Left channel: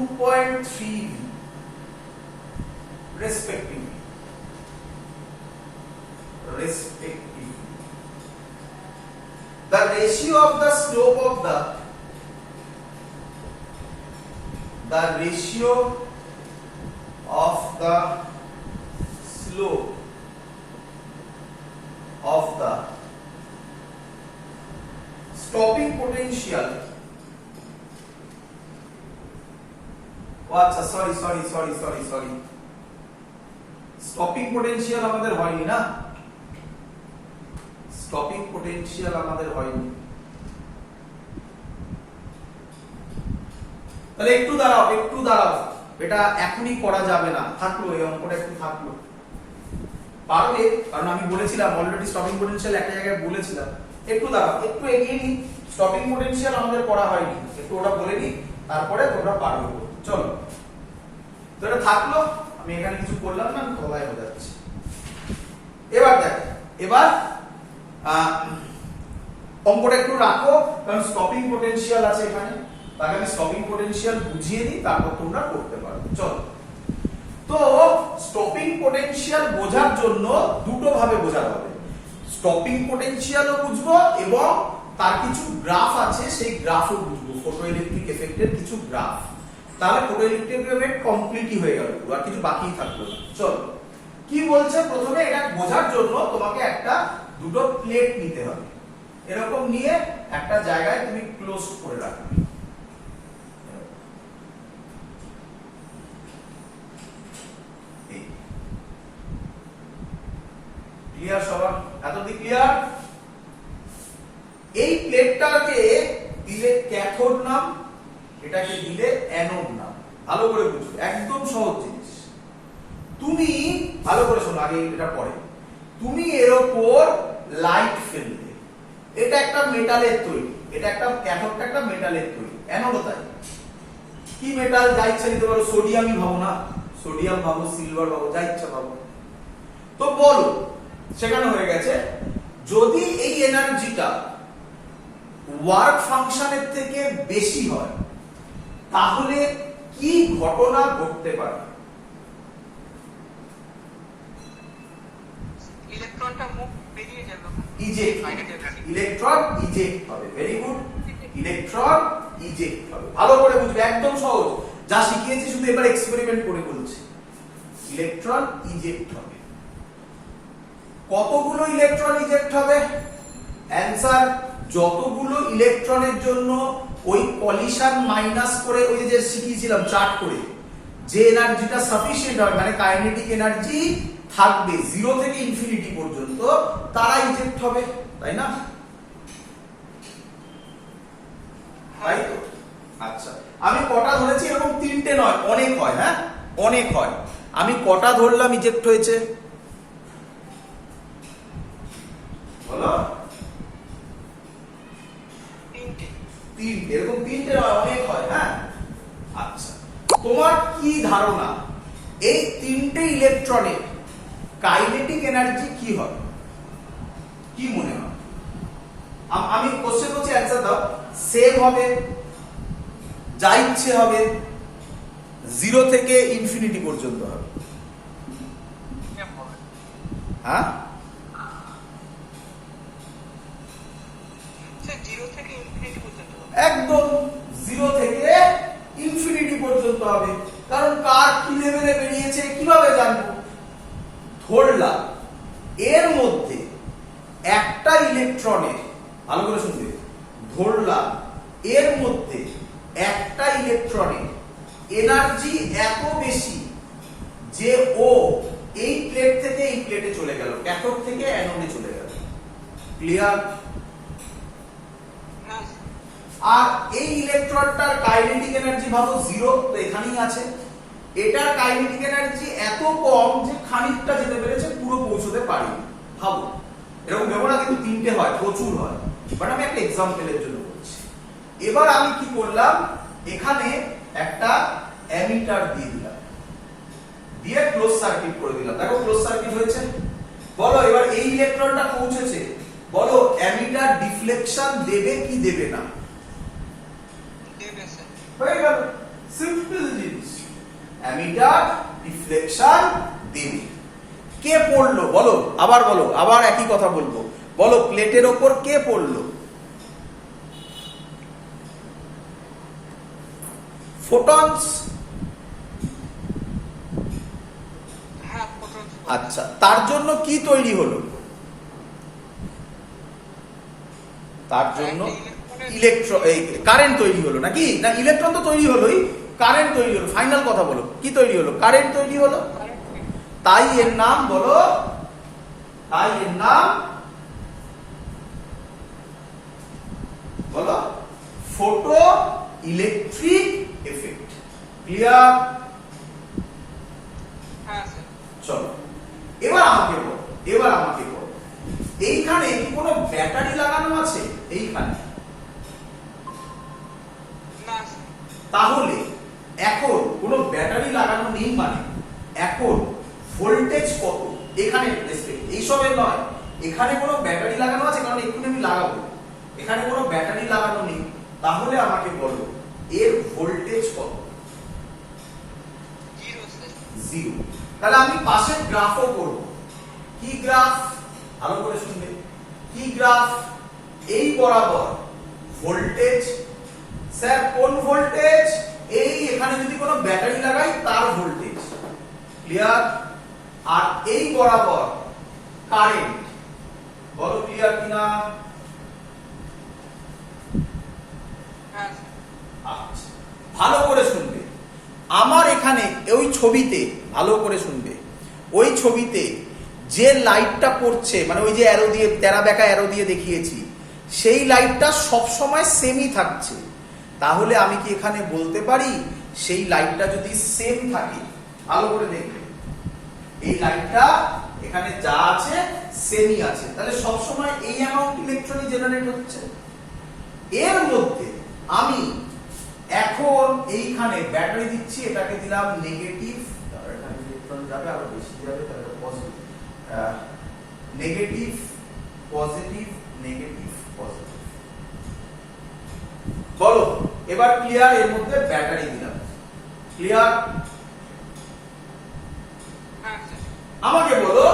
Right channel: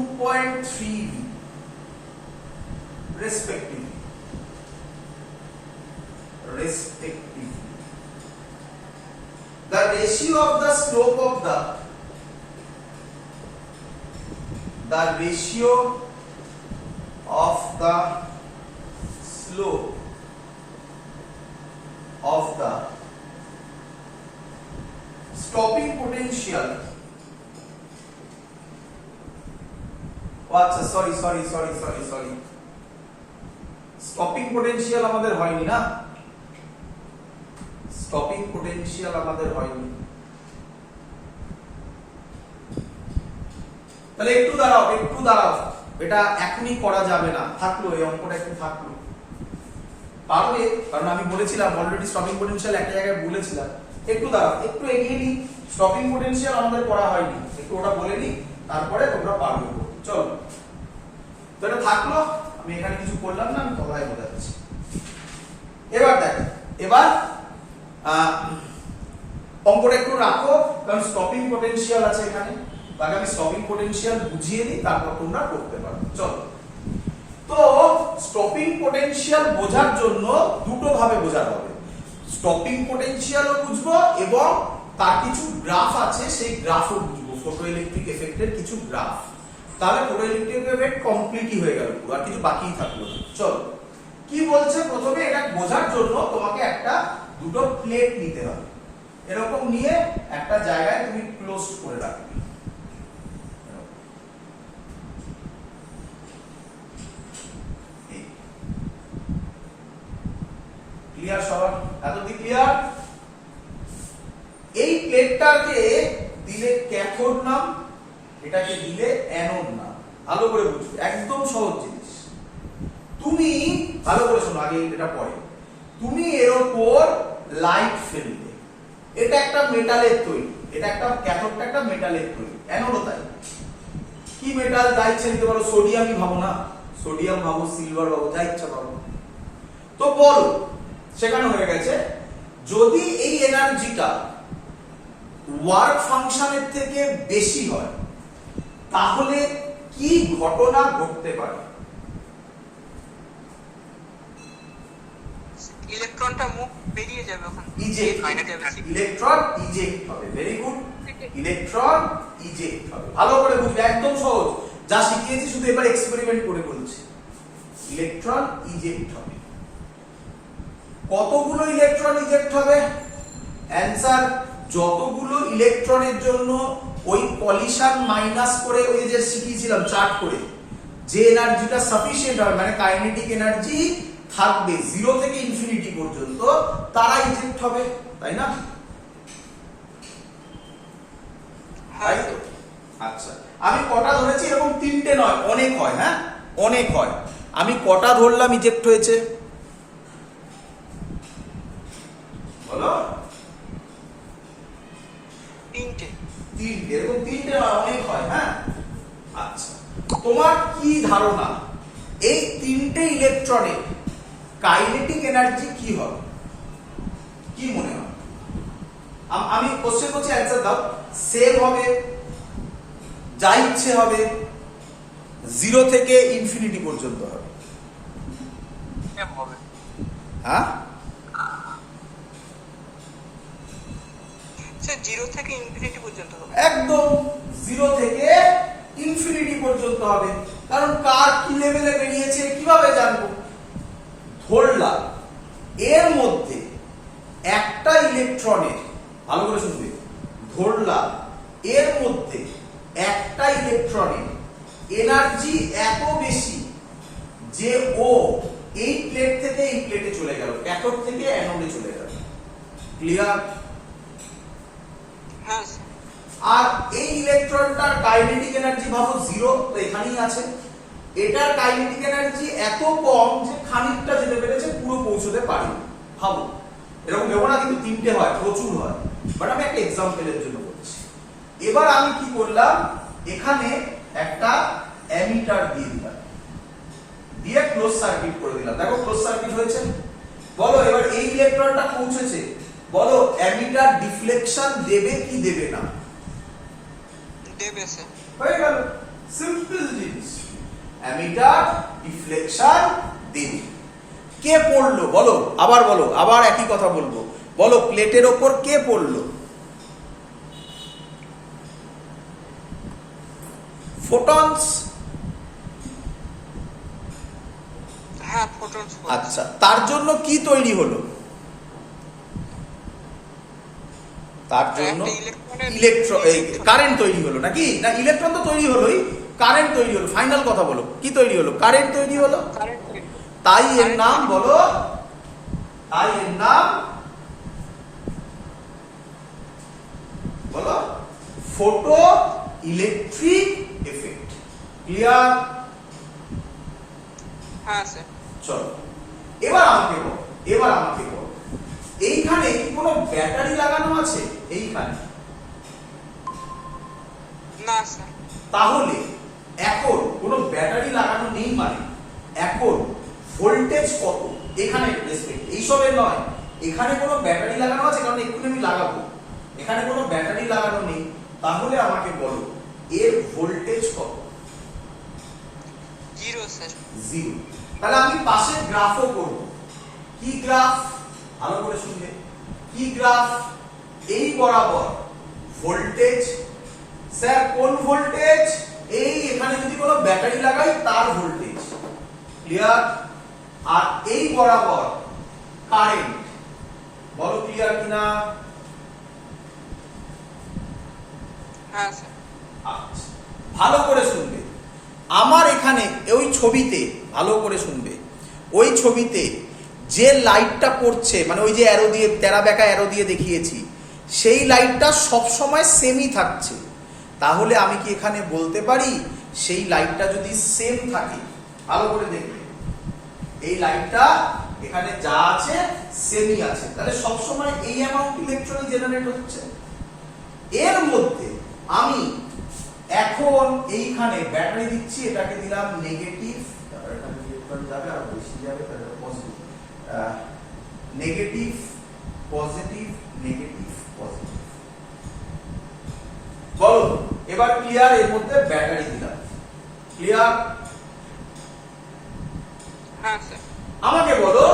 2.3 respectively. The ratio of the slope of the slope of the stopping potential. আচ্ছা sorry stopping potential আমাদের হয়নি না, stopping potential আমাদের হয়নি। তাহলে একটু দাঁড়াও, এটা এখনই করা যাবে না, থাকলো এই অঙ্কটা একটু থাকলো। পারবে, কারণ আমি বলেছিলাম অলরেডি স্টপিং পোটেনশিয়াল একটা জায়গায় বলেছিলাম। একটু দাঁড়াও, একটু এগিয়ে নি, স্টপিং পোটেনশিয়াল আমাদের করা হয়নি, একটু ওটা বলে নি, তারপরে তোমরা পারবে। চলো, তো এটা থাকলো, আমি এখানে কিছু করলাম না, আমি তোমায় বোঝাচ্ছি। এবার দেখো, এবার অঙ্কটা একটু রাখো, কারণ স্টপিং পোটেনশিয়াল আছে এখানে, তাকে আমি স্টপিং পোটেনশিয়াল বুঝিয়ে দিই, তারপর তোমরা করতে পারবে। চলো, তো স্টপিং পোটেনশিয়াল বোঝার জন্য দুটো ভাবে বোঝাতে হবে। স্টপিং পোটেনশিয়ালও বুঝবো এবং তার কিছু গ্রাফ আছে, সেই গ্রাফও বুঝবো, ফটোইলেকট্রিক এফেক্টের কিছু গ্রাফ। তাহলে ফটোইলেকট্রিক এফেক্ট কমপ্লিটই হয়ে গেল, আর কিছু বাকিই থাকলো না। চলো, কি বলছে প্রথমে, এটা বোঝার জন্য তোমাকে দুটো প্লেট নিতে হবে, এরকম নিয়ে একটা জায়গায় তুমি ক্লোজ করে রাখবে। ক্লিয়ার সবার? এতদিন ক্লিয়ার? এই প্লেটটাকে দিলে ক্যাথোড নাম, এটাকে দিলে অ্যানোড নাম। ভালো করে বুঝবে, একদম সহজ জিনিস। তুমি ভালো করে শোনো, আগে এটা পড়ে। তুমি এর উপর লাইট ফেলবে, এটা একটা মেটালের তৈরি, এটা একটা ক্যাথোডটা একটা মেটালের তৈরি, অ্যানোডও তাই। কি মেটাল যা ইচ্ছা নিতে পারো, সোডিয়ামই ভাবো না, সোডিয়াম ভাবো, সিলভার ভাবো, যা ইচ্ছা ভাবো। তো বলো, সেখানে হয়ে গেছে, যদি এই এনার্জিটা ওয়ার্ক ফাংশনের থেকে বেশি হয় তাহলে কি ঘটনা ঘটতে পারে? ইলেকট্রনটা মুখ বেরিয়ে যাবে, ইলেকট্রন ইজেক্ট হবে। ভেরি গুড, ইলেকট্রন ইজেক্ট হবে। ভালো করে বুঝবে, একদম সহজ, যা শিখিয়েছি শুধু এবার এক্সপেরিমেন্ট করে বলছি। ইলেকট্রন ইজেক্ট হবে। কতগুলো ইলেকট্রন ইজেক্ট হবে? অ্যানসার, যতগুলো ইলেকট্রনের জন্য ওই কলিশন মাইনাস করে, ওই যে শিখিয়েছিলাম চার্ট করে, যে এনার্জিটা সাফিসিয়েন্ট হবে, মানে কাইনেটিক এনার্জি থাকবে 0 থেকে ইনফিনিটি পর্যন্ত, তারা ইজেক্ট হবে, তাই না? তাই তো? আচ্ছা, আমি কটা ধরেছি? এরকম 3টে নয়, অনেক হয়। হ্যাঁ, অনেক হয়। আমি কটা ধরলাম ইজেক্ট হয়েছে? বলো। 3টে। এরকম 3টে নয়, অনেক হয়। হ্যাঁ, আচ্ছা, তোমার কি ধারণা এই 3টে ইলেকট্রনের কাইনেটিক এনার্জি কি হবে? কি মনে হয়? আমি কোশ্চেন করছি, অ্যানসার দাও। সেম হবে, যা ইচ্ছে হবে, 0 থেকে ইনফিনিটি পর্যন্ত হবে। হ্যাঁ, 0 থেকে ইনফিনিটি পর্যন্ত হবে। একদম 0 থেকে ইনফিনিটি পর্যন্ত হবে। কারণ কার কি লেভেলে বেরিয়েছে কিভাবে জানবো? ধরলাম এর মধ্যে একটা ইলেকট্রনের, ভালো করে শুনবে, ধরলাম এর মধ্যে একটা ইলেকট্রনের এনার্জি এত বেশি যে ও এই প্লেট থেকে এই প্লেটে চলে গেল, ক্যাথোড থেকে অ্যানোডে চলে গেল। ক্লিয়ার? আর এই ইলেকট্রনটার কাইনেটিক এনার্জি ভাবো 0, তো এখানেই আছে। এটার কাইনেটিক এনার্জি এত কম যে খানিকটা যেতে পেরেছে, পুরো পৌঁছতে পারেনি। ভাবো, এরকম ভেবো না কিন্তু 3টে হয়, প্রচুর হয়, বাট আমি একটা এক্সাম্পলের জন্য বলছি। এবার আমি কি করলাম, এখানে একটা অ্যামিটার দিয়ে দিলাম, দিয়ে ক্লোজ সার্কিট করে দিলাম। দেখো ক্লোজ সার্কিট হয়েছে। বলো এবার এই ইলেকট্রনটা পৌঁছেছে, বলো অ্যামিটার ডিফ্লেকশন দেবে কি দেবে না? দেবে স্যার। হয়ে গেল, সিম্পল জিনিস। অ্যামিটার ডিফ্লেকশন দেবে। কে পড়লো বলো, আবার বলো, আবার একই কথা বলবো, বলো প্লেটের ওপর কে পড়লো? ফোটনস। হ্যাঁ, photons। আচ্ছা, তার জন্য কি তৈরি হলো? তার জন্য কারেন্ট তৈরি হলো নাকি? না, ইলেকট্রন তো তৈরি হলোই, কারেন্ট তৈরি হলো। ফাইনাল কথা বলো, কি তৈরি হলো? কারেন্ট তৈরি হলো। তাই এর নাম বলো, তাই এর নাম বলো ফটো ইলেকট্রিক এফেক্ট। ক্লিয়ার? হ্যাঁ স্যার। চলো এবার আমাকে বলো, এবার আমাকে বলো, এইখানে কি কোনো ব্যাটারি লাগানো আছে? এইখানে না স্যার। তাহলে এখন কোনো ব্যাটারি লাগানো নেই মানে এখন ভোল্টেজ কত? এখানে রেসপেক্ট এইসবের নয়, এখানে কোনো ব্যাটারি লাগানো আছে, কারণ এক্ষুনি আমি লাগাবো। এখানে কোনো ব্যাটারি লাগানো নেই, তাহলে আমাকে বলো এর ভোল্টেজ কত? 0 স্যার। 0। তাহলে আমি পাশে গ্রাফও করব। কি গ্রাফ? ভালো করে শুনবে। কি গ্রাফ? এই বরাবর ভোল্টেজ। স্যার কোন ভোল্টেজ? এই এখানে যদি কোনো ব্যাটারি লাগাই তার ভোল্টেজ। ক্লিয়ার? আর এই বরাবর কারেন্ট। বলো ক্লিয়ার কিনা? হ্যাঁ স্যার। আচ্ছা, ভালো করে শুনবে। আমার এখানে ওই ছবিতে ভালো করে শুনবে, ওই ছবিতে যে লাইটটা পড়ছে, মানে ওই যে অ্যারো দিয়ে, তেরা বেঁকা অ্যারো দিয়ে দেখিয়েছি, সেই লাইটটা সব সময় সেমই থাকছে। তাহলে আমি কি এখানে বলতে পারি সেই লাইটটা যদি সেম থাকে? ভালো করে দেখবে, এই লাইটটা এখানে যা আছে সেমই আছে, তাহলে সব সময় এই অ্যামাউন্ট ইলেকট্রনই জেনারেট হচ্ছে। এর মধ্যে আমি এখন এইখানে ব্যাটারি দিচ্ছি, এটাকে দিলাম নেগেটিভ, এখানে ইলেকট্রন যাবে আরো বেশি যাবে, তাহলে positive, negative positive, negative positive. বলো এবার ক্লিয়ার? এর মধ্যে ব্যাটারি দিলাম। ক্লিয়ার? হ্যাঁ স্যার। আমাকে বলো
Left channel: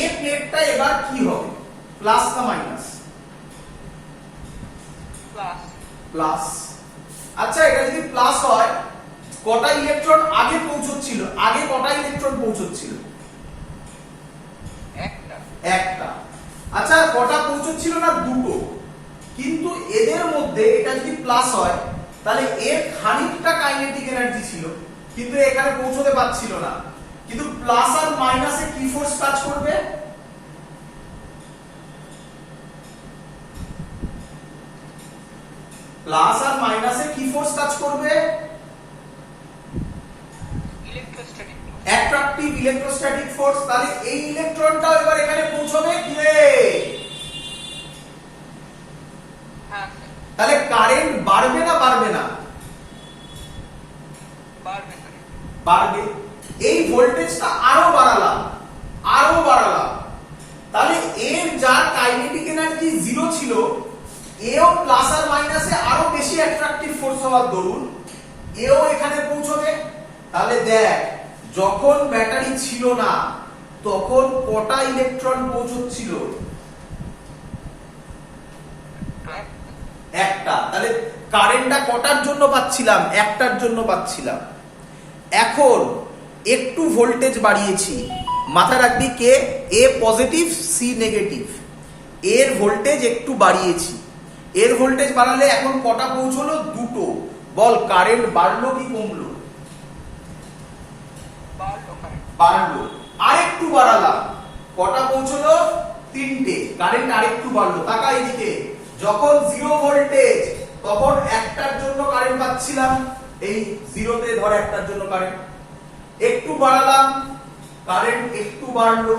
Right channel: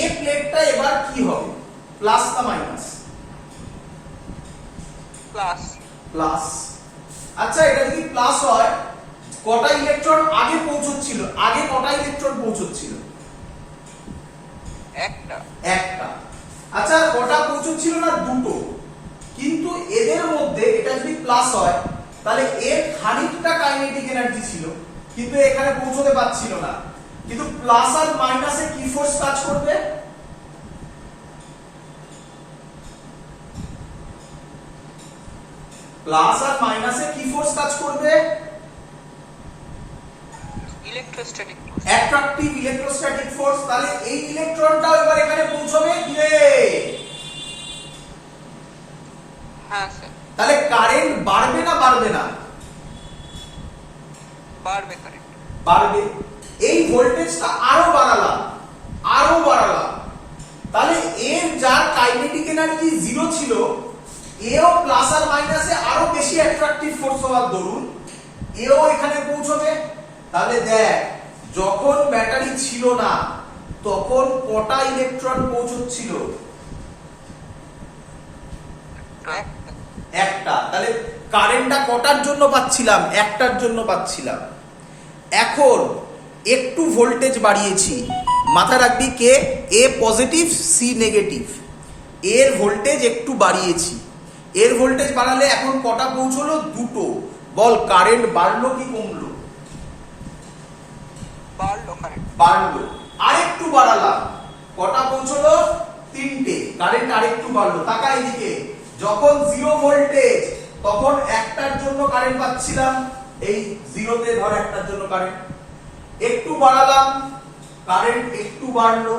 এ প্লেটটা এবার কি হবে? প্লাস না মাইনাস? প্লাস। প্লাস। আচ্ছা, এটা যদি প্লাস হয়, কটা ইলেকট্রন আগে পৌঁছচ্ছিল? আগে কটা ইলেকট্রন পৌঁছচ্ছিল? একটা। একটা। আচ্ছা, কটা পৌঁছচ্ছিল না? দুটো। কিন্তু এদের মধ্যে এটা যদি প্লাস হয়, তাহলে এর খানিকটা কাইনেটিক এনার্জি ছিল, কিন্তু এখানে পৌঁছতে পারছিল না। কিন্তু প্লাস আর মাইনাসে কি ফোর্স কাজ করবে? প্লাস আর মাইনাসে কি ফোর্স কাজ করবে? ইলেকট্রোস্ট্যাটিক। Attractive electrostatic force. তাহলে এই ইলেকট্রনটাও এবার এখানে পৌঁছবে। হ্যাঁ স্যার। তাহলে কারেন্ট বাড়বে না বাড়বে না? বাড়বে করে। বাড়বে। এই ভোল্টেজটা আরো বাড়ালাম, আরো বাড়ালাম, তাহলে এর যার কাইনেটিক এনার্জি 0 ছিল, এও প্লাস আর মাইনাসে আরো বেশি অ্যাট্রাকটিভ ফোর্স হওয়ার দরুন এও এখানে পৌঁছবে। তাহলে দেখ, যখন ব্যাটারি ছিল না তখন কটা ইলেকট্রন পৌঁছচ্ছিল? একটা। তাহলে কারেন্টটা কটার জন্য পাচ্ছিলাম? একটার জন্য পাচ্ছিলাম। এখন একটু ভোল্টেজ বাড়িয়েছি, মাথা রাখবি কে? এ পজিটিভ, সি নেগেটিভ। এর ভোল্টেজ একটু বাড়িয়েছি, এর ভোল্টেজ বাড়ালে এখন কটা পৌঁছলো? দুটো। বল কারেন্ট বাড়লো কি কমলো? বাড়লো কারেন্ট। বাড়লো। আরেকটু বাড়ালাম, কটা পৌঁছলো? তিনটে। কারেন্ট আরেকটু বাড়লো। তাকা এদিকে, যখন 0 ভোল্টেজ তখন একটার জন্য কারেন্ট পাচ্ছিলাম, এই 0তে ধর একটার জন্য কারেন্ট। একটু বাড়ালাম, কারেন্ট একটু বাড়লো।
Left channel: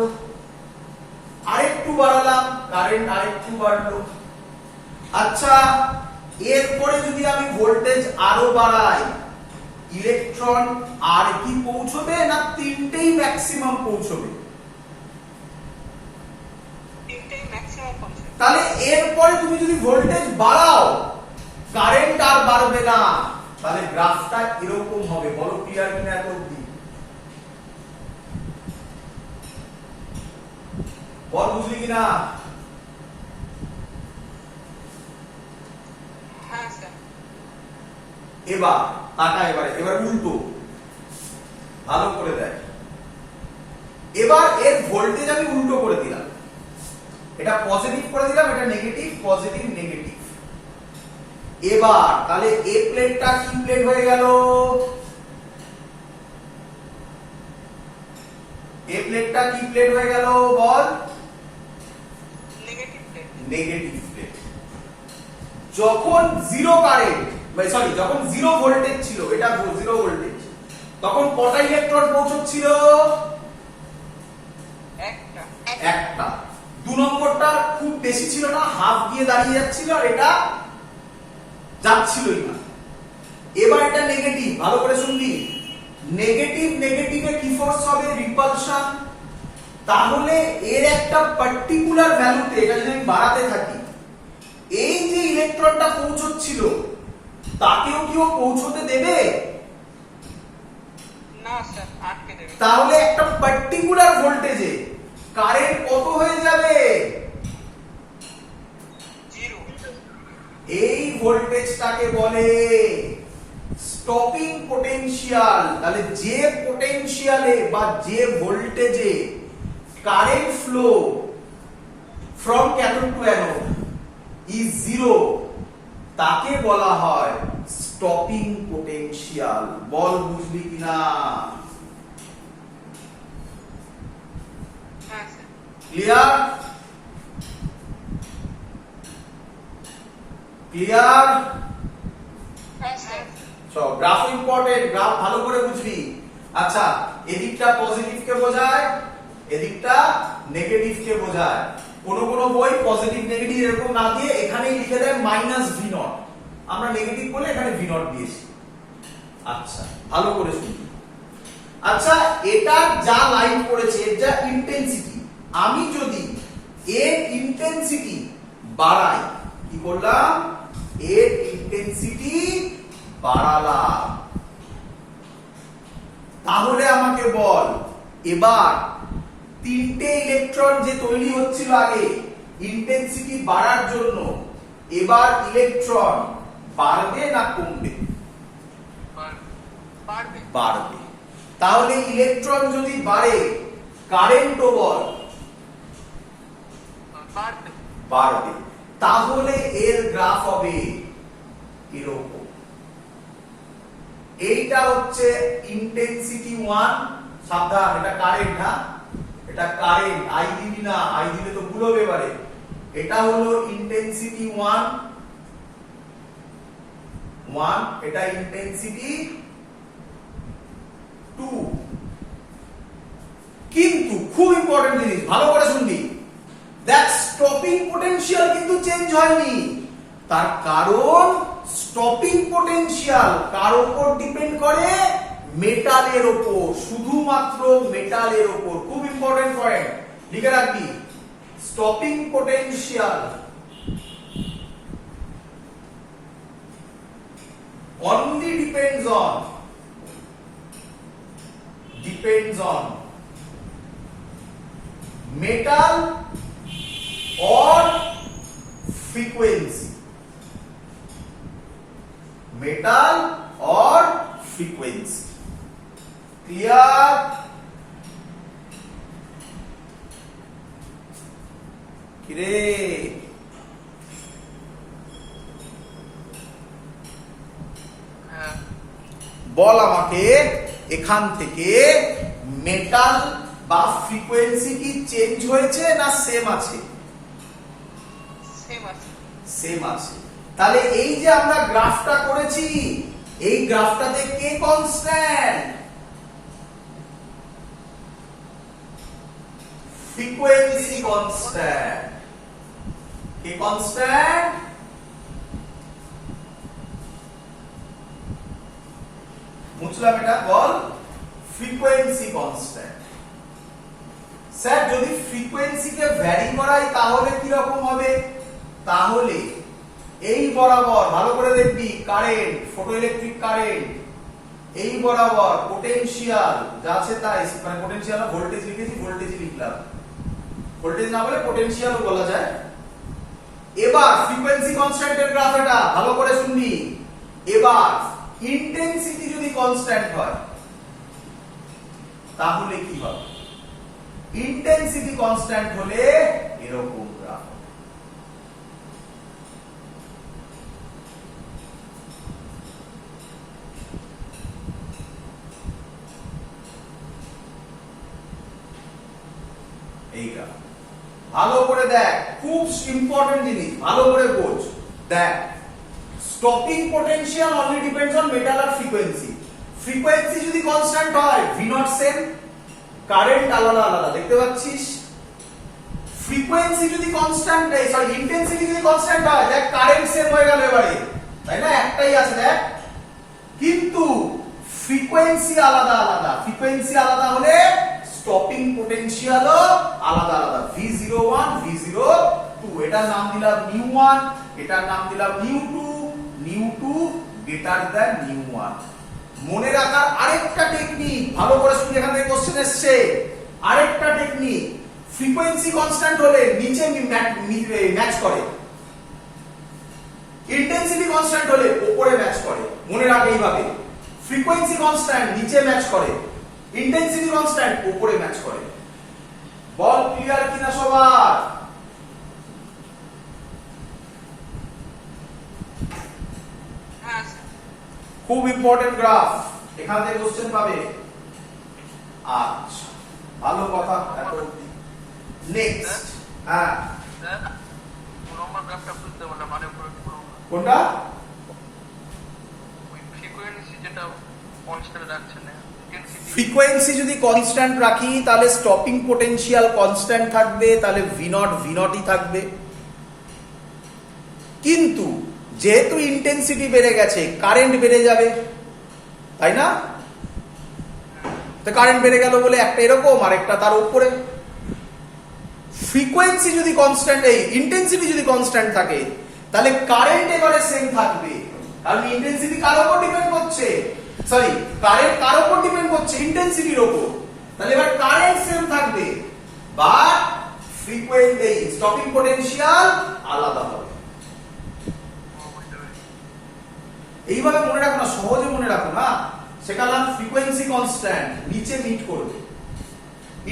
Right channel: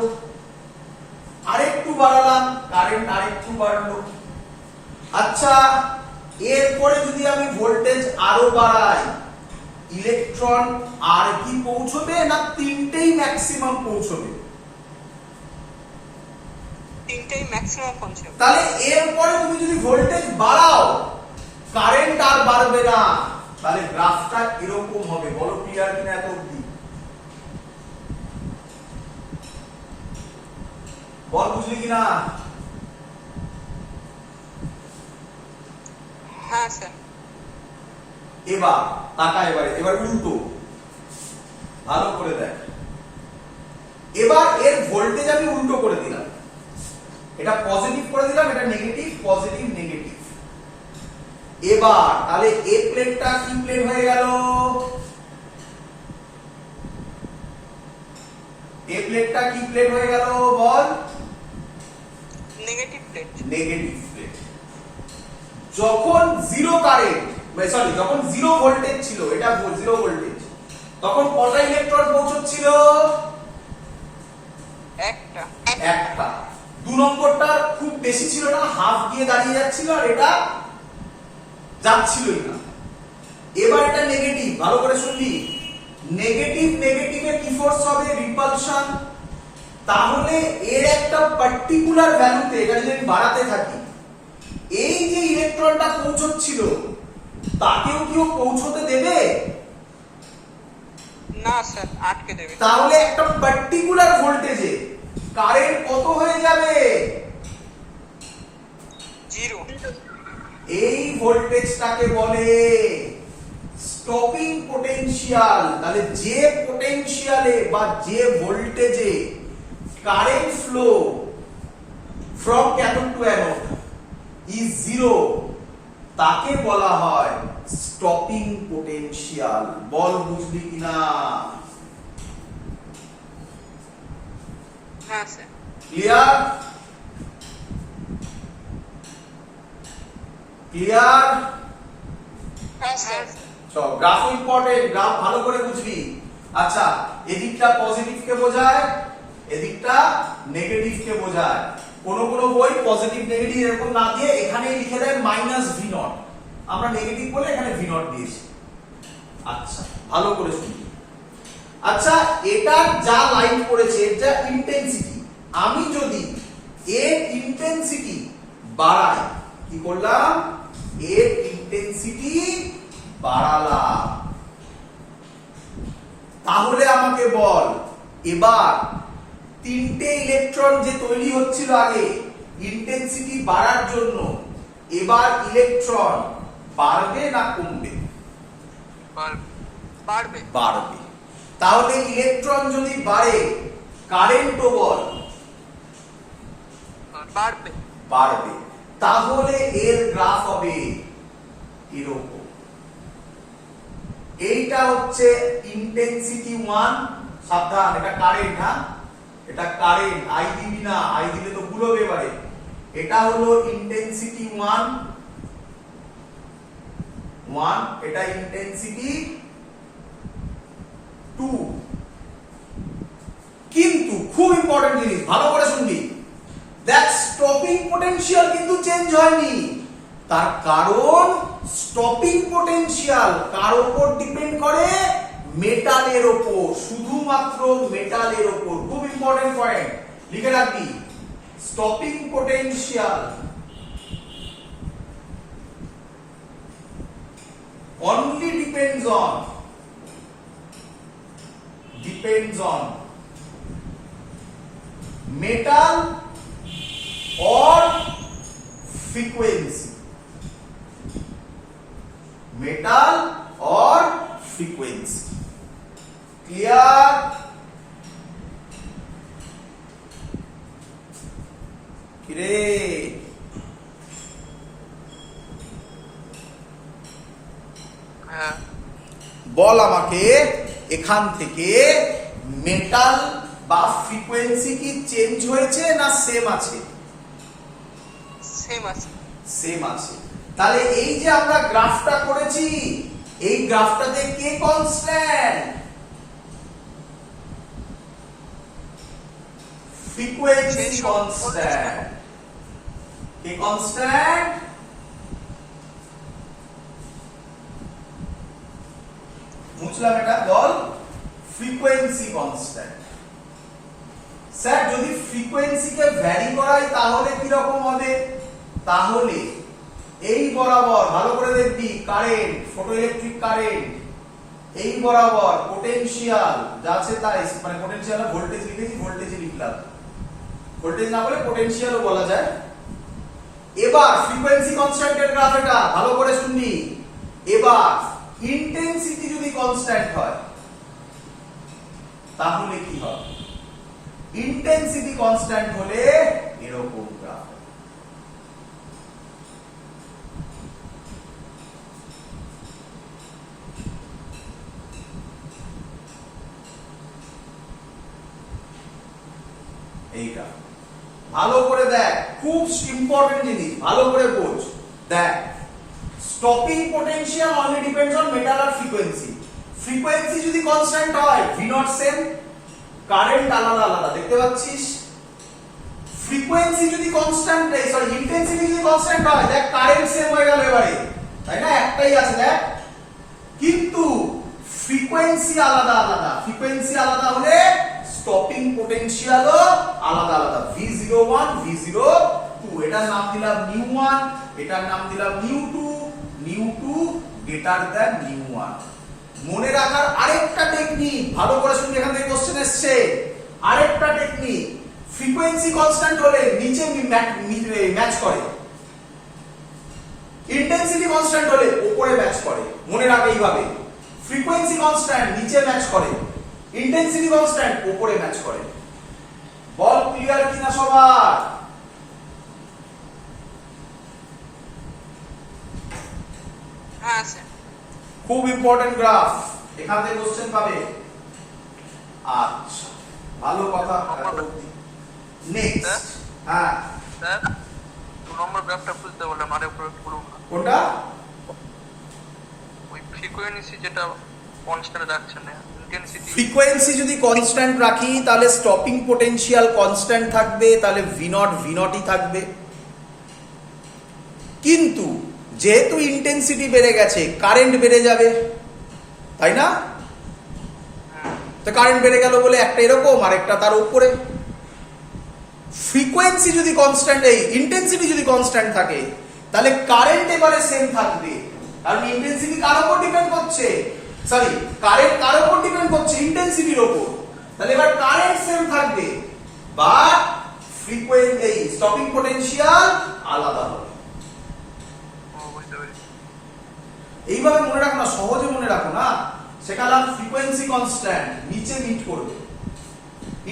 আরেকটু বাড়ালাম, কারেন্ট আরেকটু বাড়লো। আচ্ছা, এরপরে যদি আমি ভোল্টেজ আরো বাড়াই, ইলেকট্রন আর কি পৌঁছবে না তিনটেই ম্যাক্সিমাম পৌঁছবে? তিনটেই ম্যাক্সিমাম পৌঁছবে। তাহলে এরপরে তুমি যদি ভোল্টেজ বাড়াও, কারেন্ট আর বাড়বে না, তাহলে গ্রাফটা এরকম হবে। বলো ক্লিয়ার কিনা এত অবধি? বল বুঝলি কিনা? হ্যাঁ স্যার। এবার তাকা, এবার উল্টো, ভালো করে দেখ। এবার এর ভোল্টেজ আমি উল্টো করে দিলাম, এটা পজিটিভ করে দিলাম, এটা নেগেটিভ, পজিটিভ নেগেটিভ। এবার তাহলে এ প্লেটটা কি প্লেট হয়ে গেল? এ প্লেটটা কি প্লেট হয়ে গেল বল? Negative plate. Negative plate. যখন জিরো কারেন্ট, সরি যখন জিরো ভোল্টেজ ছিল, এটা জিরো ভোল্টেজ, তখন কটা ইলেকট্রন পৌঁছচ্ছিল? একটা। একটা। 2 নম্বরটা খুব বেশি ছিল না, হাফ দিয়ে দাঁড়িয়ে যাচ্ছিল, আর এটা যাচ্ছিলই না। এবার এটা নেগেটিভ, ভালো করে শুনবি। নেগেটিভ নেগেটিভে কি ফোর্স হবে? রিপালশন। তাহলে এর একটা পার্টিকুলার ভ্যালুতে এটা যদি আমি বাড়াতে থাকি, এই যে ইলেকট্রনটা পৌঁছচ্ছিল তাকেও কি ও পৌঁছতে দেবে? না স্যার, আটকে দেবে। তাহলে একটা পার্টিকুলার ভোল্টেজে কারেন্ট কত হয়ে যাবে? জিরো। এই ভোল্টেজটাকে বলে স্টপিং পোটেনশিয়াল। তাহলে যে পোটেনশিয়ালে বা যে ভোল্টেজে current flow from cathode to anode is zero, তাকে বলা হয় স্টপিং পোটেনশিয়াল। বল বুঝলি কিনা? হ্যাঁ স্যার। ক্লিয়ার? ক্লিয়ার? হ্যাঁ স্যার। সব গ্রাফ ইম্পর্টেন্ট, গ্রাফ ভালো করে বুঝবি। আচ্ছা, এদিকটা পজিটিভ কে বোঝায়, এদিকটা নেগেটিভ কে বোঝায়। কোন কোন বই পজিটিভ নেগেটিভ এরকম না দিয়ে এখানেই লিখে দেয় মাইনাস ভি নট, আমরা নেগেটিভ বলে এখানে ভি নট দিয়েছি। আচ্ছা, ভালো করে শুনবি। আচ্ছা, এটা যা লাইন করেছে, এর যা ইন্টেন্সিটি, আমি যদি এর ইন্টেন্সিটি বাড়াই, কি করলাম? এর ইন্টেন্সিটি বাড়ালাম। তাহলে আমাকে বল, এবার তিনটে ইলেকট্রন যে তৈরি হচ্ছিল আগে ইন্টেন্সিটি বাড়ার জন্য, এবার ইলেকট্রন বাড়বে না কমবে? বাড়বে। বাড়বে। তাহলে ইলেকট্রন যদি বাড়ে, কারেন্টও বল বাড়বে। বাড়বে। তাহলে এর গ্রাফ হবে এরকম। এইটা হচ্ছে ইন্টেন্সিটি 1, সাবধান এটা কারেন্ট, না এটা কারেন্ট, আই দিবি না, আই দিলে তো ভুল হবে এবারে। এটা হলো ইন্টেন্সিটি 1, এটা ইন্টেন্সিটি 2। কিন্তু খুব ইম্পর্টেন্ট জিনিস, ভালো করে শুনবি। দেখ, স্টপিং পোটেনশিয়াল কিন্তু চেঞ্জ হয়নি। তার কারণ স্টপিং পোটেনশিয়াল কার উপর ডিপেন্ড করে? মেটালের উপর, শুধুমাত্র মেটালের উপর। খুব ইম্পর্টেন্ট পয়েন্ট, লিখে রাখবি। Stopping potential only depends on metal or frequency. Metal or frequency. Clear? কিরে, হ্যাঁ। বল আমাকে এখান থেকে মেটাল বা ফ্রিকোয়েন্সি কি চেঞ্জ হয়েছে না সেম আছে? সেম আছে। সেম আছে। তাহলে এই যে আমরা গ্রাফটা করেছি, এই গ্রাফটাতে কে কনস্ট্যান্ট? Frequency constant. কে কনস্ট্যান্ট? বুঝলাম এটা, বল ফ্রিকোয়েন্সি কনস্ট্যান্ট। স্যার যদি ফ্রিকোয়েন্সিকে ভ্যারি করাই তাহলে কি রকম হবে? তাহলে এই বরাবর ভালো করে দেখবি কারেন্ট, ফটো ইলেকট্রিক কারেন্ট, এই বরাবর পোটেনশিয়াল যা আছে তাই, মানে পোটেনশিয়াল ভোল্টেজ লিখেছি, ভোল্টেজই লিখলাম, ভোল্টেজ না বলে পোটেনশিয়ালও বলা যায়। এবার ফ্রিকোয়েন্সি কনস্ট্যান্টের গ্রাফ, এটা ভালো করে শুনবি। এবার ইন্টেন্সিটি যদি কনস্ট্যান্ট হয় তাহলে কি হবে? ইন্টেন্সিটি কনস্ট্যান্ট হলে এরকম গ্রাফ। এইটা ভালো করে দেখ, খুব ইম্পর্টেন্ট জিনিস, ভালো করে বোঝ। দেখ, stopping potential only depends on metal আর ফ্রিকোয়েন্সি। ফ্রিকোয়েন্সি যদি কনস্ট্যান্ট হয় ভি নট সেম, কারেন্ট আলাদা আলাদা, দেখতে পাচ্ছিস? ফ্রিকোয়েন্সি যদি কনস্ট্যান্ট, সরি ইন্টেন্সিটি যদি কনস্ট্যান্ট হয়, দেখ কারেন্ট সেম হয়ে গেল এবারে, তাই না? একটাই আছে দেখ, কিন্তু ফ্রিকোয়েন্সি আলাদা আলাদা। ফ্রিকোয়েন্সি আলাদা হলে স্টপিং পোটেনশিয়ালও আলাদা আলাদা, V01 V02। এটার নাম দিলাম নিউ1, এটার নাম দিলাম নিউ2, নিউ2 গ্রেটার দ্যান নিউ1। মনে রাখার আরেকটা টেকনিক, ভালো করে শুনে, এখান থেকে কোশ্চেন এসেছে, আরেকটা টেকনিক, ফ্রিকোয়েন্সি কনস্ট্যান্ট হলে নিচে ম্যাচ করে, ইন্টেন্সিটি কনস্ট্যান্ট হলে উপরে ম্যাচ করে। মনে রাখ এইভাবে, ফ্রিকোয়েন্সি কনস্ট্যান্ট নিচে ম্যাচ করে, ইন্টেন্সিটি কনস্ট্যান্ট উপরে ম্যাচ করে। বল ক্লিয়ার কিনা সবার? হ্যাঁ স্যার। খুব ইম্পর্টেন্ট গ্রাফ, এখান থেকে কোশ্চেন পাবে। আচ্ছা, ভালো কথা। নেক্সট, হ্যাঁ স্যার 2 নম্বর গ্রাফটা বুঝতে বললাম, মানে প্রয়োগ করুন। কোনটা? ওই ফ্রিকোয়েন্সি যেটা কনস্ট্যান্ট রাখছে না, ইন্টেন্সিটি। ফ্রিকোয়েন্সি যদি কনস্ট্যান্ট রাখি তাহলে স্টপিং পোটেনশিয়াল কনস্ট্যান্ট থাকবে, তাহলে V0 থাকবে। কিন্তু যেহেতু ইন্টেন্সিটি বেড়ে গেছে, কারেন্ট বেড়ে যাবে, তাই না? তো কারেন্ট বেড়ে গেল বলে একটা এরকম আর একটা তার উপরে। ফ্রিকোয়েন্সি যদি কনস্ট্যান্ট, এই ইন্টেন্সিটি যদি কনস্ট্যান্ট থাকে তাহলে কারেন্ট এবারে সেম থাকবে, কারণ ইন্টেন্সিটি কার উপর ডিপেন্ড করছে, সরি কারেন্ট কার উপর ডিপেন্ড করছে? ইন্টেন্সিটির উপর। তাহলে এবার কারেন্ট সেম থাকবে, বাট ফ্রিকোয়েন্সি স্টপিং পোটেনশিয়াল আলাদা হবে। এইভাবে মনে রাখো না, সহজে মনে রাখো না। সেখানে ফ্রিকোয়েন্সি কনস্ট্যান্ট নিচে মিট করবে,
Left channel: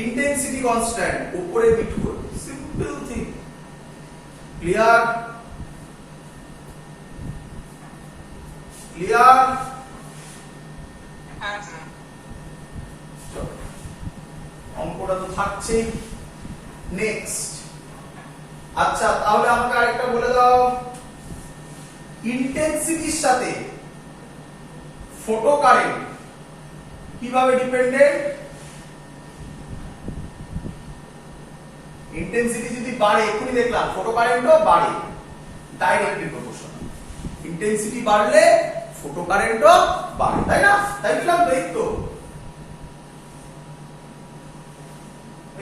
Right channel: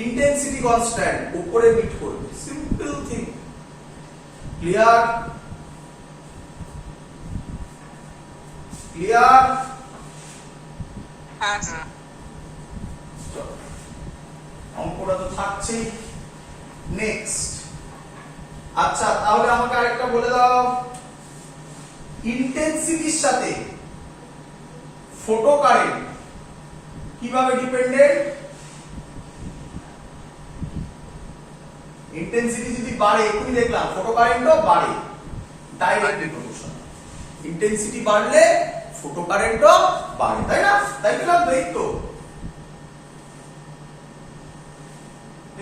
ইন্টেন্সিটি কনস্ট্যান্ট উপরে মিট করবে, সিম্পল থিং। ক্লিয়ার? ক্লিয়ার? হ্যাঁ স্যার। অঙ্কটা তো থাকছেই। নেক্সট, আচ্ছা তাহলে আমাকে আরেকটা বলে দাও, ইন্টেন্সিটির সাথে ফোটো কারেন্ট কিভাবে ডিপেন্ডেন্ট? ইন্টেন্সিটি যদি বাড়ে, এক্ষুনি দেখলাম ফোটো কারেন্টও বাড়ে, ডাইরেক্টলি প্রপোর্শনাল। ইন্টেন্সিটি বাড়লে ফোটো কারেন্টও বাড়ে, তাই না? তাই বললাম তো,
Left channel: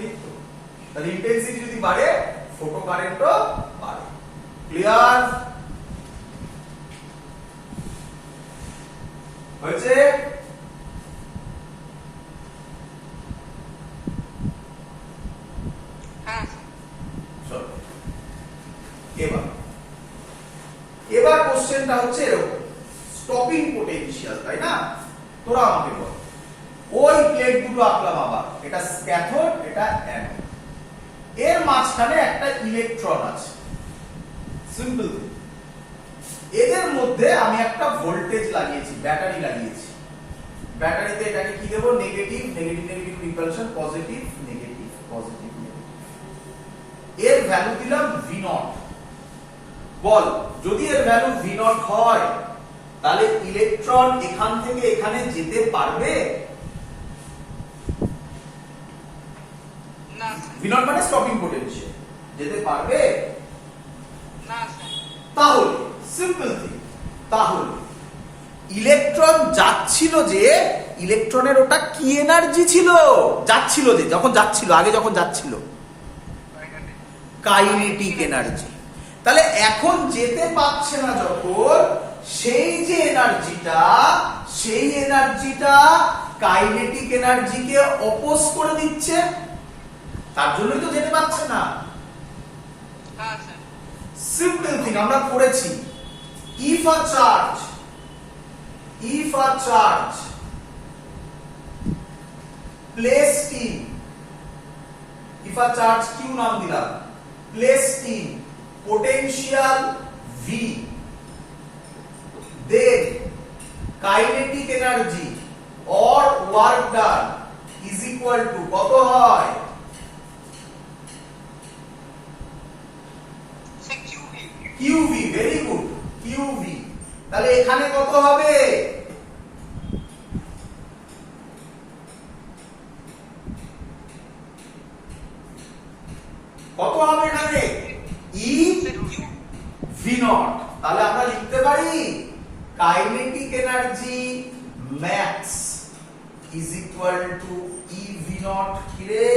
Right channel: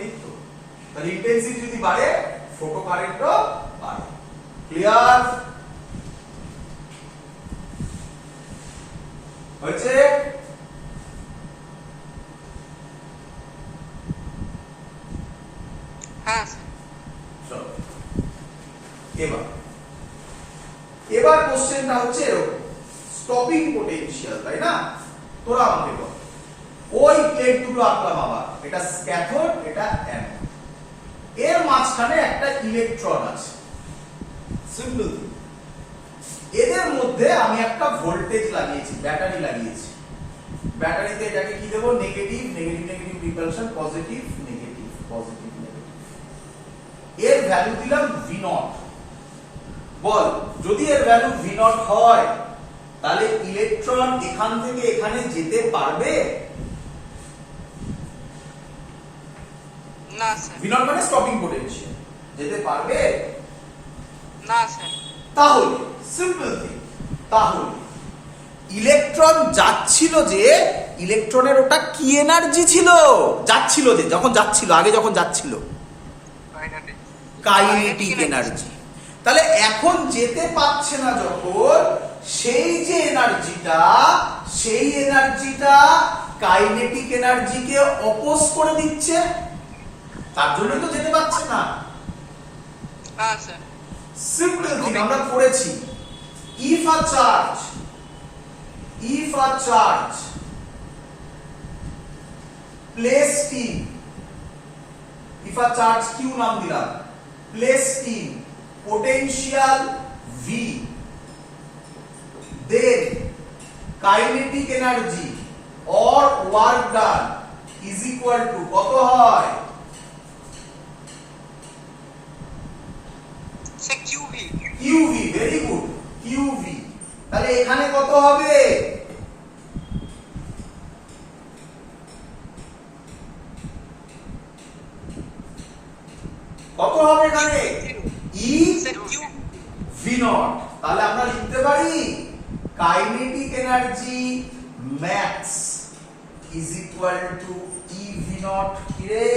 এই তো। তাহলে ইন্টেন্সিটি যদি বাড়ে ফোটো কারেন্টও বাড়ে। ক্লিয়ার হয়েছে? হ্যাঁ স্যার। চলো এবার কোশ্চেনটা হচ্ছে এরকম, স্টপিং পোটেনশিয়াল, তাই না? তোরা আমাকে বল, ওই প্লেট দুটো আঁকলাম আবার, এটা ক্যাথোড, এটা অ্যানোড, এর মাঝখানে একটা ইলেকট্রন আছে, সিম্পল। এদের মধ্যে আমি একটা ভোল্টেজ লাগিয়েছি, ব্যাটারি লাগিয়েছি। ব্যাটারিতে এটাকে কি দেবো? Negative negative negative repulsion, positive negative positive negative. এর ভ্যালু দিলাম V0। বল, যদি এর ভ্যালু V0 হয় তাহলে ইলেকট্রন এখান থেকে এখানে যেতে পারবে? না স্যার। V0 মানে স্টপিং পোটেনশিয়াল, যেতে পারবে না স্যার। তাহলে সিম্পল থিং, তাহলে ইলেকট্রন যাচ্ছিল যে, ইলেকট্রনের ওটা কি এনার্জি ছিল? যাচ্ছিল যে, যখন যাচ্ছিল, আগে যখন যাচ্ছিল, কাইনেটিক এনার্জি। তাহলে এখন যেতে পারছে না যখন, সেই যে এনার্জিটা কাইনেটিক এনার্জিকে অপোজ করে দিচ্ছে, তার জন্যই তো যেতে পারছে না। হ্যাঁ স্যার। সিম্পল থিং আমরা করেছি। if a charge placed in, if a charge q নাম দিলাম, placed in potential v, then kinetic energy or work done is equal to কত হয়? Sir QV. QV, very good, QV। তাহলে এখানে কত হবে? কত হবে এখানে? E sir Q V naught। তাহলে আমরা লিখতে পারি kinetic energy max is equal to E V naught। কি রে?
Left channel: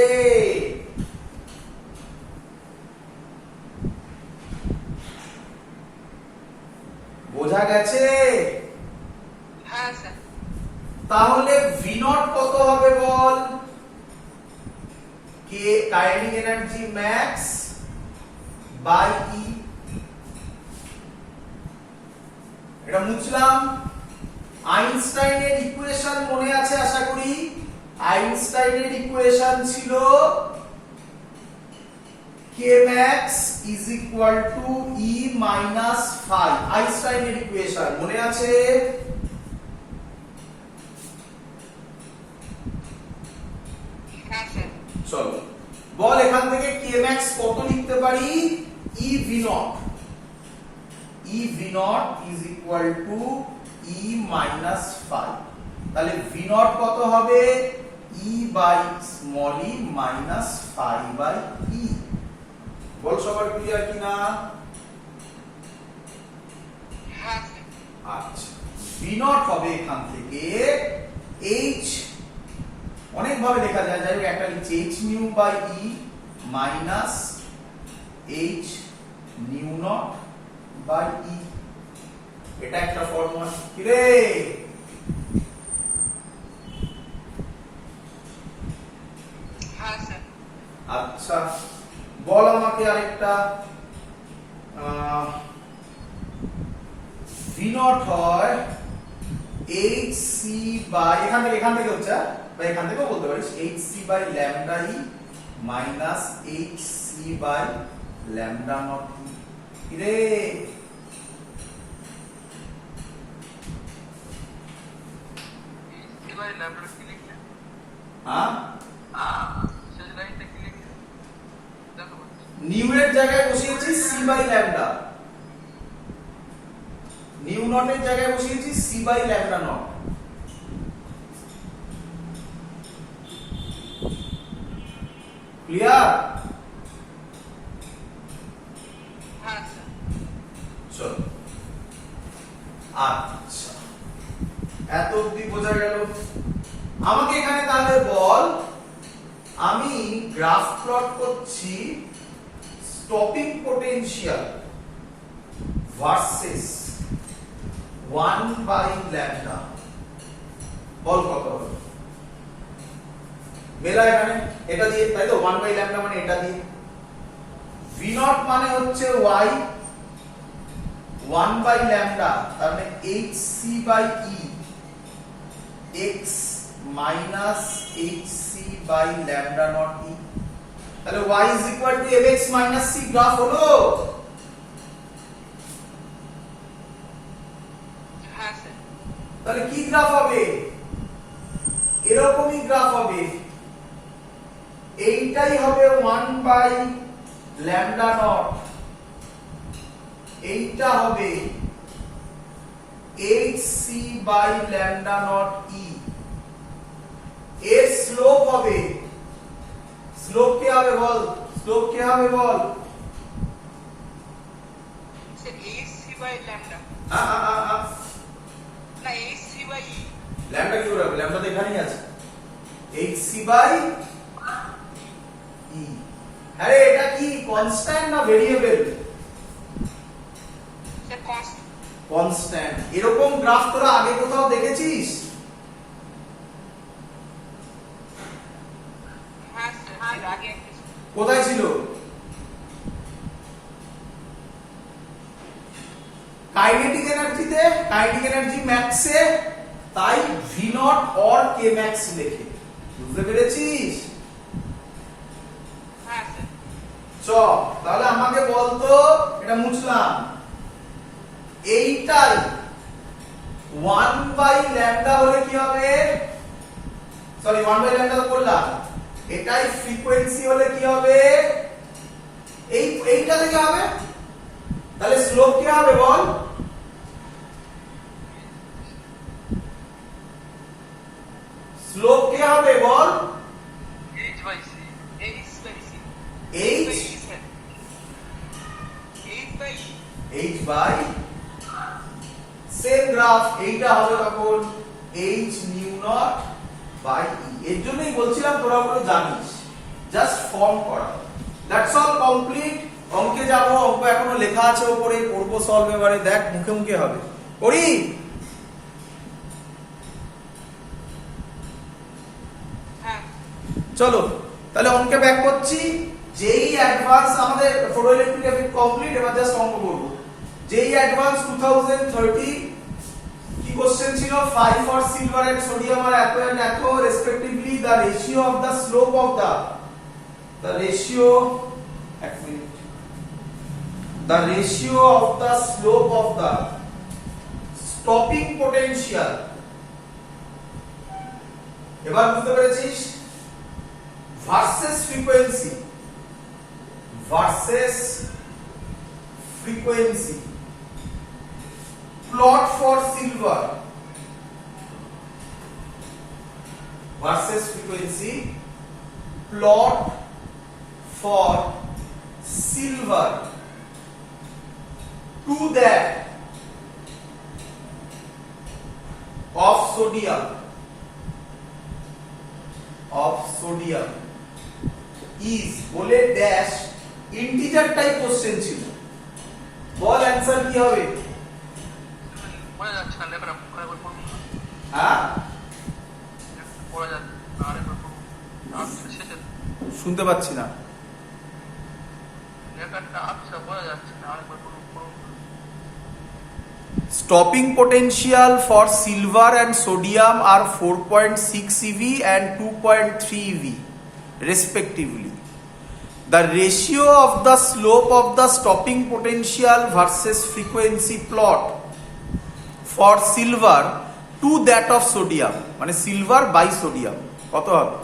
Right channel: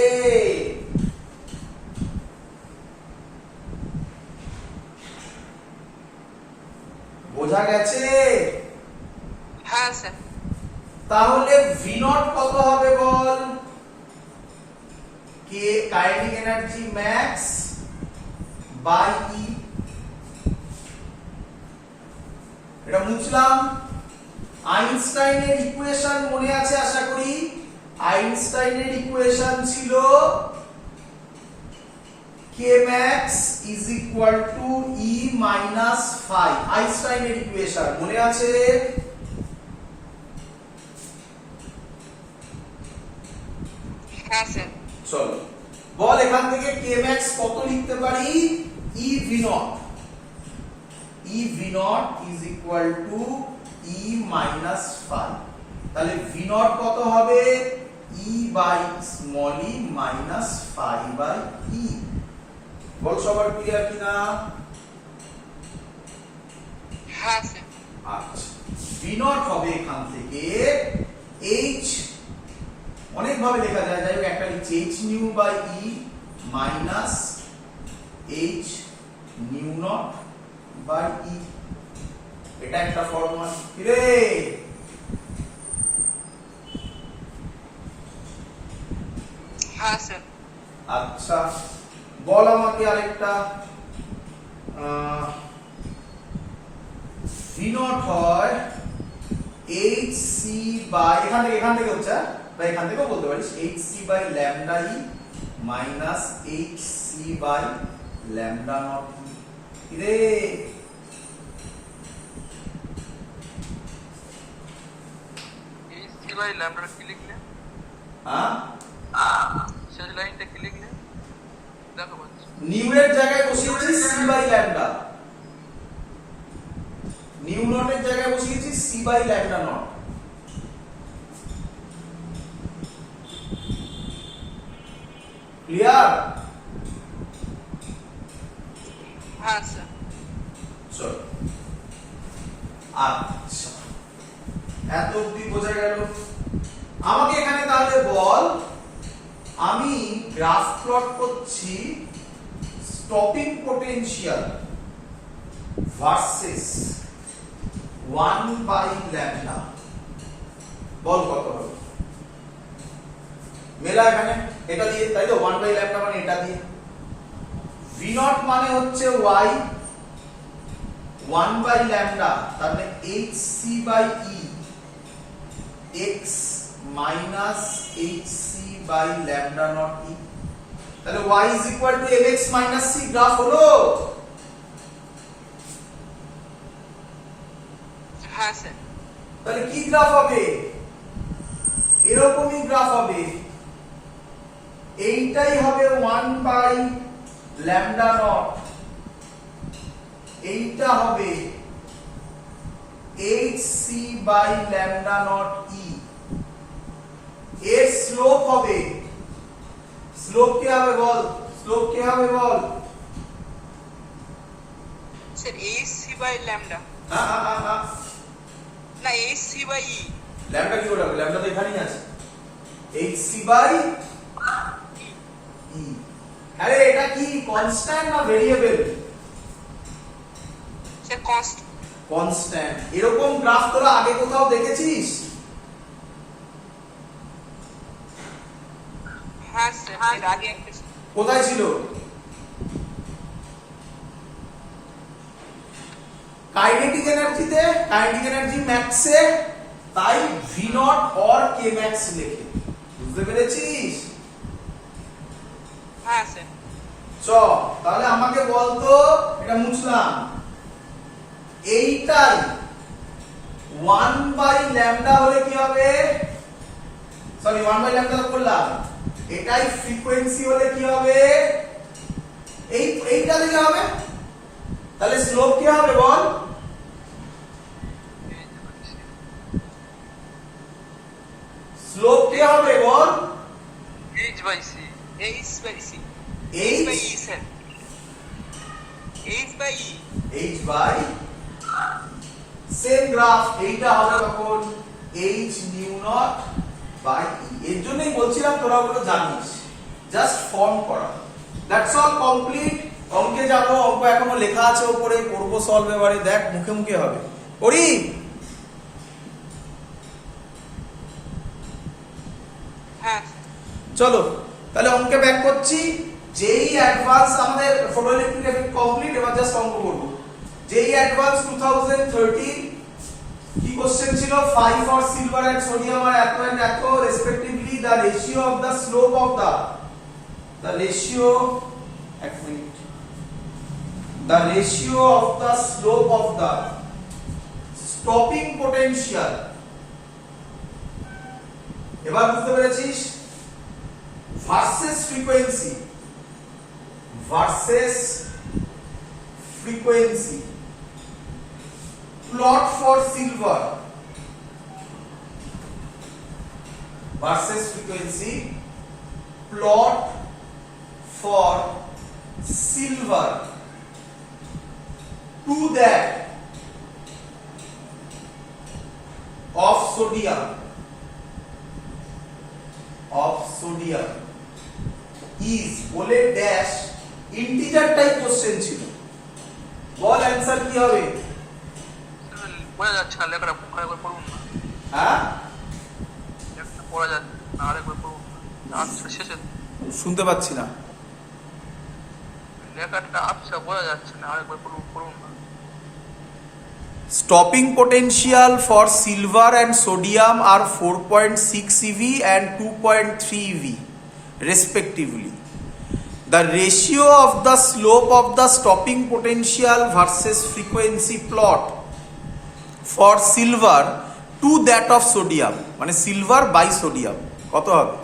বোঝা গেছে? হ্যাঁ স্যার। তাহলে V naught কত হবে বল? কে kinetic energy max by E। এটা মুছলাম। আইনস্টাইনের ইকুয়েশন মনে আছে আশা করি। আইনস্টাইনের ইকুয়েশন ছিল k max is equal to E minus phi। আইনস্টাইনের ইকুয়েশন মনে আছে? হ্যাঁ স্যার। চলো বল এখান থেকে k max কত লিখতে পারি? E v naught। E v naught is equal to E minus phi। তাহলে v naught কত হবে? E by small e minus phi by E। বল সবার ক্লিয়ার কিনা? হ্যাঁ স্যার। আচ্ছা, v naught হবে এখান থেকে h, অনেক ভাবে লেখা যায়, যাই হোক একটা লিখছি h nu by E minus h nu naught by E। এটা একটা ফর্মুলা। কি রে? হ্যাঁ স্যার। আচ্ছা বল আমাকে আরেকটা। v naught হয় hc বাই, এখান থেকে হচ্ছে, বা এখান থেকেও বলতে পারিস hc by lambda E minus hc by lambda naught E. কি রে? এইচসি বাই ল্যামডা কি লিখলে? হ্যাঁ, সেই লাইনটা কি লিখলে? দেখো নিউ এর জায়গায় বসিয়েছি c by lambda, nu naught এর জায়গায় বসিয়েছি c by lambda naught. Clear? হ্যাঁ স্যার। চলো আচ্ছা, এত অবধি বোঝা গেল। আমাকে এখানে তাহলে বল, আমি গ্রাফ প্লট করছি stopping potential versus 1 by lambda. বল কত হবে? মেলা এখানে এটা দিয়ে, তাই তো 1 বাই ল্যামডা মানে এটা দিয়ে। v naught মানে হচ্ছে y, 1 বাই ল্যামডা তার মানে hc by e, x minus hc by lambda naught e। তাহলে y is equal to mx minus c। Graph হলো? হ্যাঁ স্যার। তাহলে কি গ্রাফ হবে? এরকমই গ্রাফ হবে। এইটাই হবে 1 বাই ল্যামডা নট, এইটা হবে hc by lambda naught e। এর স্লোপ হবে, স্লোপ কি হবে বল? স্লোপ কি হবে বল? স্যার এইচসি বাই ল্যামডা, না না এইচসি বাই ই। ল্যামডা কি হবে? ল্যামডা তো এখানেই আছে, hc বাই e। আরে এটা কি কনস্ট্যান্ট না ভেরিয়েবল? কনস্ট্যান্ট। এরকম গ্রাফ তোরা আগে কোথাও দেখেছিস? হ্যাঁ স্যার, এর আগে একটা কোথায় ছিল? কাইনেটিক এনার্জিতে, কাইনেটিক এনার্জি ম্যাক্সে, তাই V naught or K max লেখে। বুঝতে পেরেছিস? হ্যাঁ স্যার। চ তাহলে আমাকে বলতো, এটা মুছলাম, এইটাই 1/λ হলে কি হবে? সরি 1/λ বললাম, এটাই ফ্রিকোয়েন্সি হলে কি হবে? এইটা থেকে হবে। তাহলে স্লোপ কি হবে বল? স্লোপ কি হবে বল? h/c। H by C. h sir. H by E. h by same graph, এইটা হবে তখন h nu naught by e। এর জন্যই বলছিলাম তোরা ওগুলো জানিস, জাস্ট ফর্ম করা। That's all, complete. অঙ্কে যাবো, অঙ্ক এখনো লেখা আছে উপরে, করবো সলভ। এবারে দেখ মুখে মুখে হবে, করি। হ্যাঁ চলো তাহলে অঙ্কে ব্যাক করছি। যেই অ্যাডভান্স আমাদের ফটোইলেকট্রিক এফেক্ট কমপ্লিট, এবার জাস্ট অঙ্ক করব। যেই অ্যাডভান্স 2030 কি কোশ্চেন ছিল? 5 ফর সিলভার এন্ড সোডিয়াম আর এত এন্ড এত respectively, the ratio of the slope of the ratio, এক minute, the ratio of the slope of the stopping potential। এবার বুঝতে পেরেছিস? Versus frequency, versus frequency, plot for silver versus frequency, plot for silver to that of sodium is বলে dash integer type question ছিল। বল answer কি হবে? বোঝা যাচ্ছে না লেখাটা, আরেকবার পড়ুন। হ্যাঁ, পড়া যাচ্ছে না, আরেকবার পড়ুন। আচ্ছা, শেষে শুনতে পাচ্ছি না। লেখাটা আচ্ছা বোঝা যাচ্ছে না, আরেকবার পড়ুন। Stopping potential for silver and sodium are 4.6 eV and 2.3 eV respectively. The ratio of the slope of the stopping potential versus frequency plot for silver to that of sodium, মানে silver by sodium, কত হবে?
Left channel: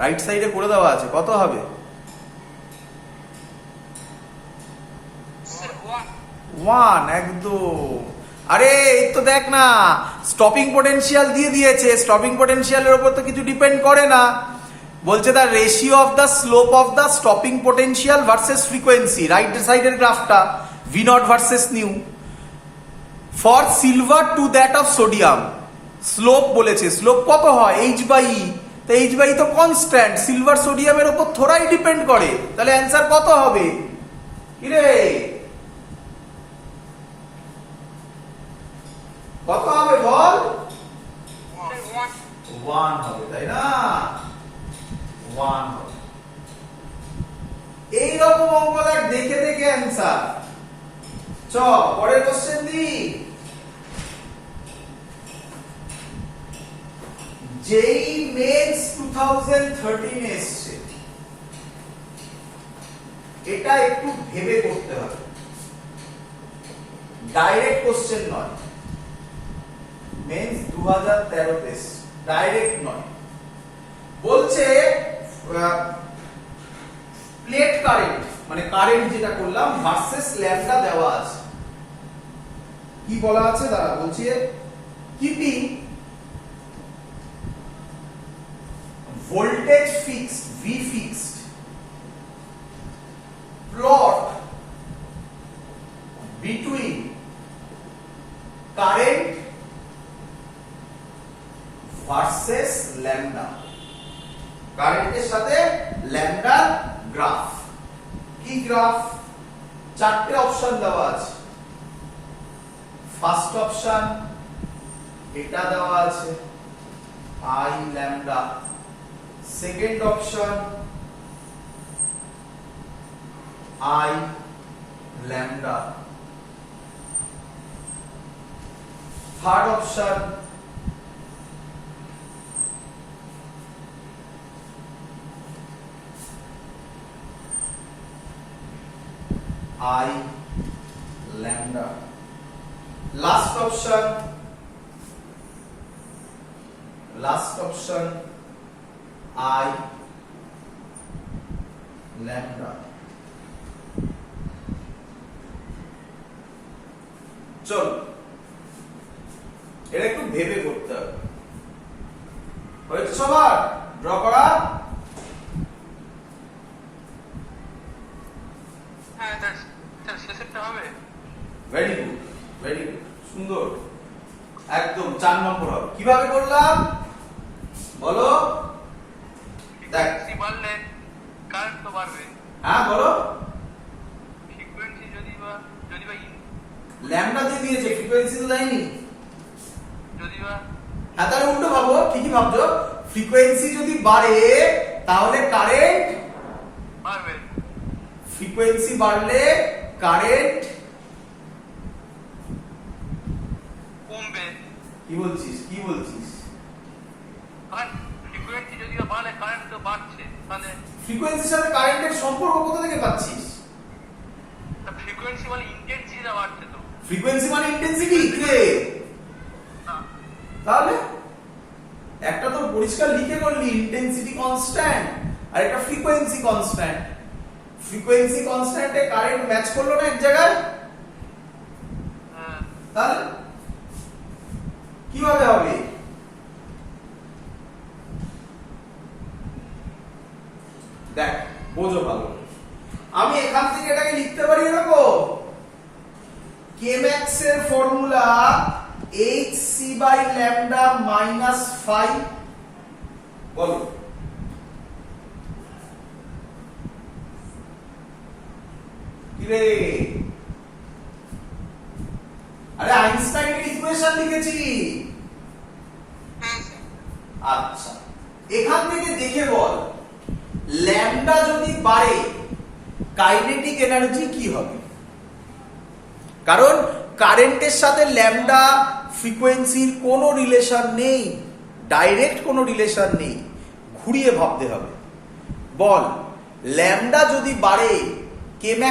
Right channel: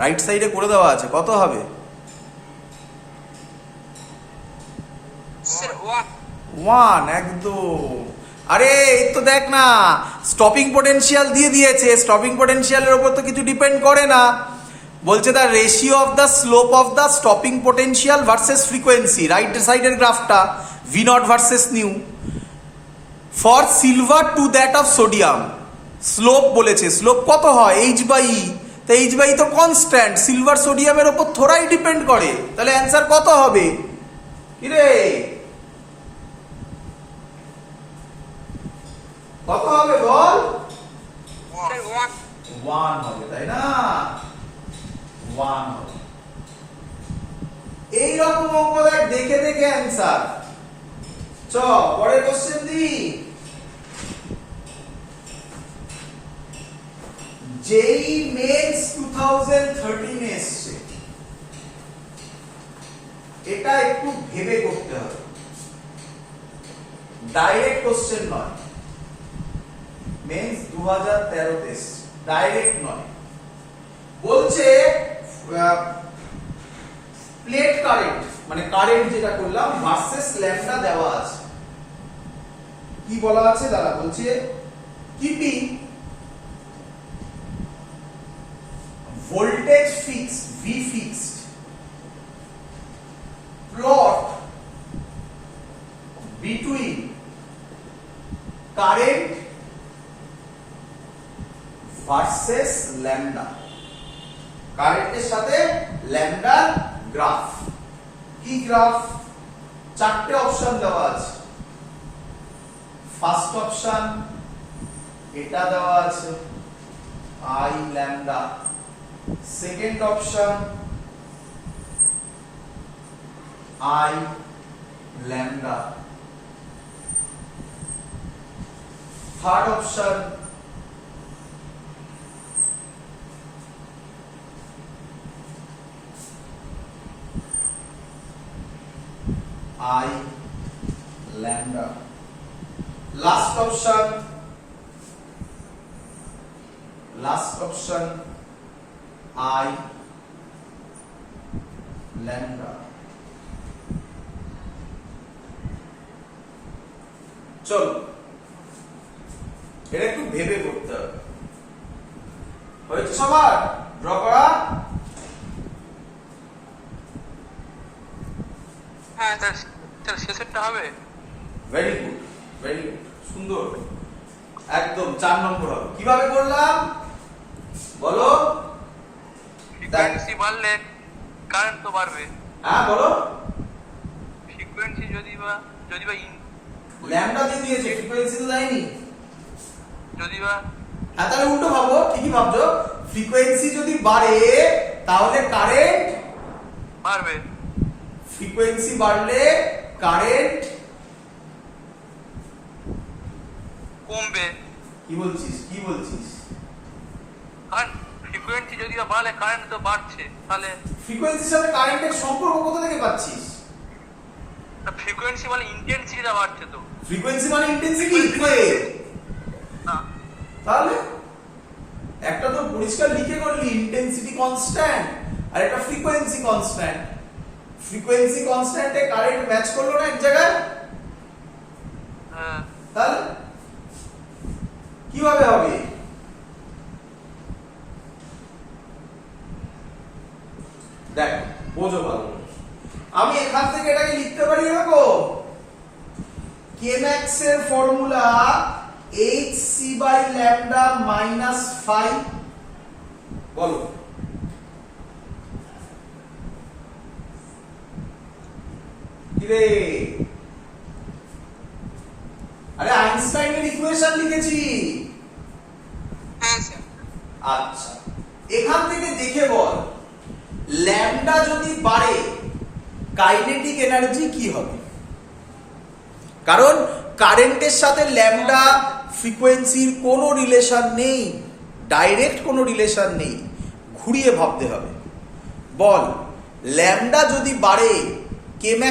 Right সাইডে করে দেওয়া আছে, কত হবে? Sir 1। 1 একদম। আরে এই তো দেখ না, স্টপিং পোটেনশিয়াল দিয়ে দিয়েছে, স্টপিং পোটেনশিয়ালের উপর তো কিছু ডিপেন্ড করে না। বলছে the ratio of the slope of the stopping potential versus frequency, right সাইডের গ্রাফটা, V naught versus nu, for silver to that of sodium. Slope বলেছে, স্লোপ কত হয়? H by e. তো এইচ বাই তো কনস্ট্যান্ট, সিলভার সোডিয়ামের উপর থোড়াই depend করে। তাহলে অ্যান্সার কত হবে? কিরে কত হবে বল? স্যার 1। 1 হবে, তাই না? 1 হবে। এইরকম অঙ্ক দেখ, দেখে দেখে অ্যান্সার। চ পরের কোশ্চেন দি। যেই মেন্স 2013 এসছে, এটা একটু ভেবে করতে হবে, ডাইরেক্ট কোশ্চেন নয়। মেন্স 2013 ডাইরেক্ট নয়। বলছে প্লেট কারেন্ট, মানে কারেন্ট যেটা করলাম, ভার্সেস ল্যাম্বডা দেওয়া আছে। কি বলা আছে দাদা? বলছে keeping voltage fixed, V fixed, plot between current versus lambda, কারেন্টের সাথে ল্যাম্বডার গ্রাফ। কি গ্রাফ? চারটে অপশন দেওয়া আছে। ফার্স্ট অপশন এটা দেওয়া আছে I lambda, second option I lambda, third option I lambda, last option I lambda। চলো এটা একটু ভেবে করতে হবে। হয়েছে সবার ড্র করা? হ্যাঁ স্যার শেষেরটা হবে? ভেরি গুড, ভেরি গুড, সুন্দর, একদম 4 নম্বর হবে। কিভাবে করলাম বলো? ফ্রিকোয়েন্সি বাড়লে কারেন্ট তো বাড়বে। হ্যাঁ বলো। ফ্রিকোয়েন্সি যদি বা ল্যামডা দিয়ে দিয়েছে, ফ্রিকোয়েন্সি লাইনই। যদি বা হ্যাঁ তাহলে উল্টো ভাবো, ঠিকই ভাবছো। ফ্রিকোয়েন্সি যদি বাড়ে তাহলে কারেন্ট বাড়বে। ফ্রিকোয়েন্সি বাড়লে কারেন্ট কমবে। কি বলছিস, কি বলছিস? কারণ ফ্রিকোয়েন্সি যদি বা বাড়লে কারেন্ট তো বাড়ছে, তাহলে ফ্রিকোয়েন্সির সাথে কারেন্টের সম্পর্ক কোথা থেকে পাচ্ছিস? ফ্রিকোয়েন্সি মানে ইন্টেন্সিটিটা বাড়ছে তো। ফ্রিকোয়েন্সি মানে ইন্টেন্সিটি তাহলে একটা তো পরিষ্কার লিখে করলি ইন্টেন্সিটি কনস্ট্যান্ট আর একটা ফ্রিকোয়েন্সি কনস্ট্যান্ট। ফ্রিকোয়েন্সি কনস্ট্যান্টে কারেন্ট ম্যাচ করলো না এক জায়গায়, তাহলে কিভাবে হবে? দেখ বোঝো ভালো, আমি এখান থেকে এটাকে লিখতে পারি এরকম, Kmax এর ফর্মুলা hc/λ মাইনাস 5। বলো কি রে? আরে আইনস্টাইনের ইকুয়েশন লিখেছি। হ্যাঁ স্যার। আচ্ছা এখান থেকে দেখে বল ল্যামডা যদি বাড়ে কাইনেটিক এনার্জি কি হবে? কারণ কারেন্টের সাথে ল্যামডা ফ্রিকোয়েন্সির কোনো রিলেশন নেই, ডাইরেক্ট কোনো রিলেশন নেই, ঘুরিয়ে ভাবতে হবে। বল ল্যামডা যদি বাড়ে Kmax